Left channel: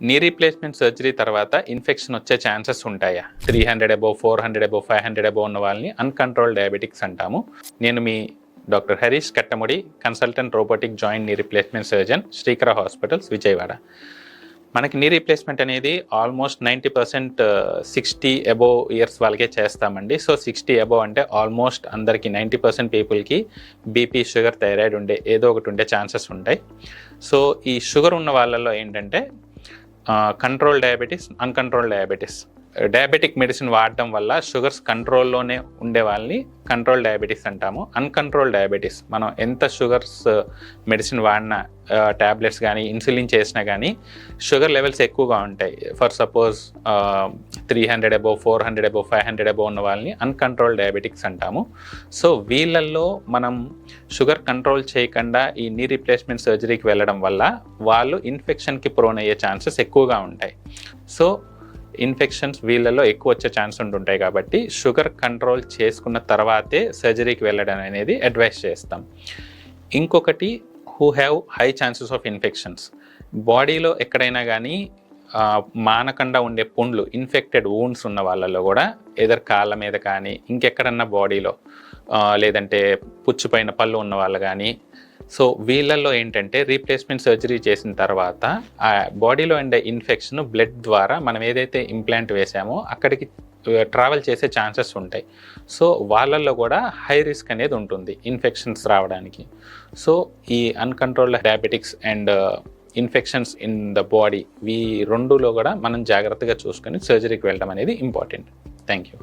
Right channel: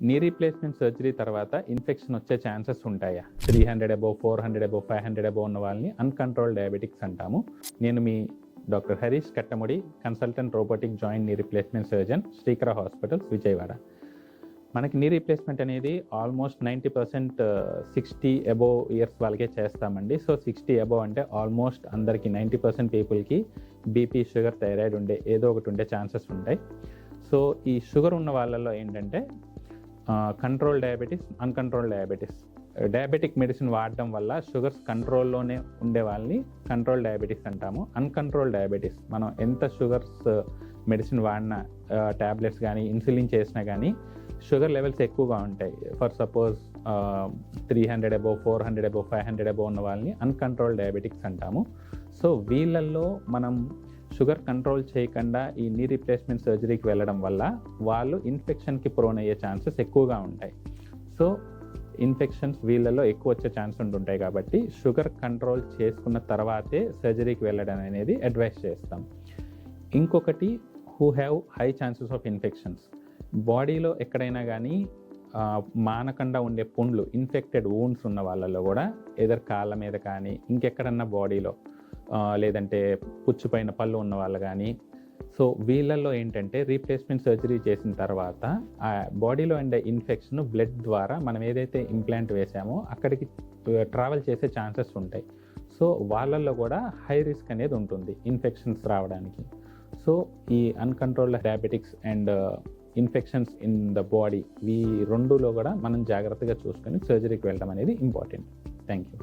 Knee replacement surgery తర్వాత infection వచ్చే chances ఉంటాయా? 300 అబోవ్, 400 అబోవ్, 500 అబోవ్ ఉన్న వాళ్ళని అన్‌కంట్రోల్డ్ డయాబెటిక్స్ అంటాము. నేను మీ doctor Harish Kattamudi, consultant robotic joint knee replacement surgeon, Srikara hospitals, Vijayawada. మనకి నీ రీప్లేస్మెంట్ అనేది ఆల్మోస్ట్ 90% 60 అబోవ్ ఇయర్స్ వాళ్ళకే చేస్తామండి. సో 60 అబోవ్ అంటే ఆల్మోస్ట్ అందరికీ 90% పీపుల్కి బీపీ, షుగర్, థైరాయిడ్ ఏదో ఒకటి ఉండే ఛాన్సెస్ ఉంటాయి. సో ఈ షుగర్ ఉన్న వాళ్ళలో ఏంటంటే control diabetes, uncontrolled diabetes. Diabetic medicine వాడడం వల్ల షుగర్స్ కంట్రోల్లోనే ఉండే వాళ్ళని కంట్రోల్ డయాబెటీస్ అంటాము. అన్‌కంట్రోల్డ్ డయాబెటీస్, మనం ఎంత షుగర్స్ మెడిసిన్ వాడినా, ట్యాబ్లెట్స్ కానీ ఇన్సులిన్ చేసినా కానీ షుగర్ లెవెల్స్ ఎక్కువగా ఉంటాయి. For suppose 300 above, 400 above, 500 above ఉన్న వాళ్ళని అన్‌కంట్రోల్డ్ డయాబెటిక్స్ అంటాము. సో వీళ్ళల్లో మనం షుగర్ కంట్రోల్ చేయకుండా ఈ నీ రీప్లేస్మెంట్ సర్జరీకి వెళ్ళడం వల్ల వాళ్ళు ఇన్ఫెక్షన్కి ప్రోన్ అయ్యే ఛాన్సెస్ ఎక్కువగా ఉంటాయి. సో ఇన్ఫెక్షన్స్ వీళ్ళలో ఎక్కువ వచ్చే ఛాన్స్ ఉంటుంటాయి కాబట్టి షుగర్ కంట్రోల్ చేసుకున్న తర్వాతే సర్జరీకి వెళ్ళడం అనేది అడ్వైస్ చేస్తాం. ఇంకొకటి, who have high chances of infections. బాడీలో ఎక్కడైనా కానీ మానకుండా ఉండే పుండ్లు, ఇన్ఫెక్టెడ్ వూండ్స్ ఉన్న వాళ్ళలో కూడా ఏదర్ కాళ్ళ మీద కానీ ఇంకెక్కడన్నా బాడీలో, లేదంటే పుచ్చిపోయిన పళ్ళు ఉన్న వాళ్ళు కానీ, సో వీళ్ళల్లో ఏంటంటే రీప్లేస్మెంట్ సర్జరీ చేసిన తర్వాత ఆ బాడీలో ఉండే ఇన్ఫెక్షన్ బ్లడ్ ద్వారా మనం ఏదైతే ఇంప్లాంట్ వేసామో అక్కడికి ట్రావెల్ చేసే ఛాన్సెస్ ఉంటాయి. సో వాళ్ళల్లో కూడా హై రిస్క్ అనేది ఉంటుంది ఇన్ఫెక్షన్స్ రావడానికి. సో ఈ uncontrolled diabetics and infections in the body, ఈ రెండులో కూడా మనం జాగ్రత్తగా చూసుకొని సర్జరీకి వెళ్ళడం అనేది ఇంపార్టెంట్. Thank you.